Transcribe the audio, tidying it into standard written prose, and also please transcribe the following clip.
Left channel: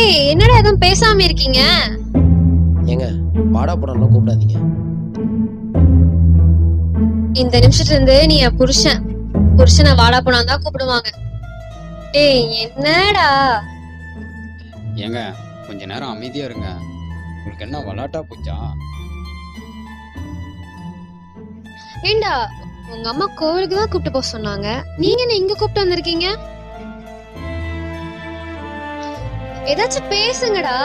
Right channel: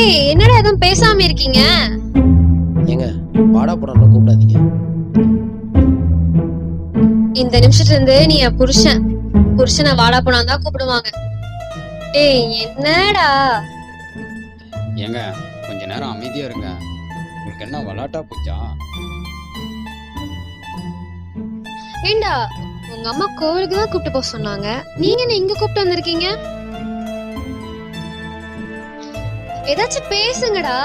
டேய் என்னடா எதுவும் பேசாம இருக்கீங்க? ஏங்க வாடா போடான்லாம் கூப்பிடாதீங்க. இந்த நிமிஷத்துல இருந்து நீ என் புருஷன். புருஷனை வாடா போனா தான் கூப்பிடுவாங்க. டேய் என்னடா? ஏங்க கொஞ்ச நேரம் அமைதியா இருங்க. உங்களுக்கு என்ன விளாட்டா போச்சா? ஏண்டா உங்க அம்மா கோவிலுக்கு தான் கூப்பிட்டு போக சொன்னாங்க, நீங்க என்ன இங்க கூப்பிட்டு வந்திருக்கீங்க? ஏதாச்சும் பேசுங்கடா.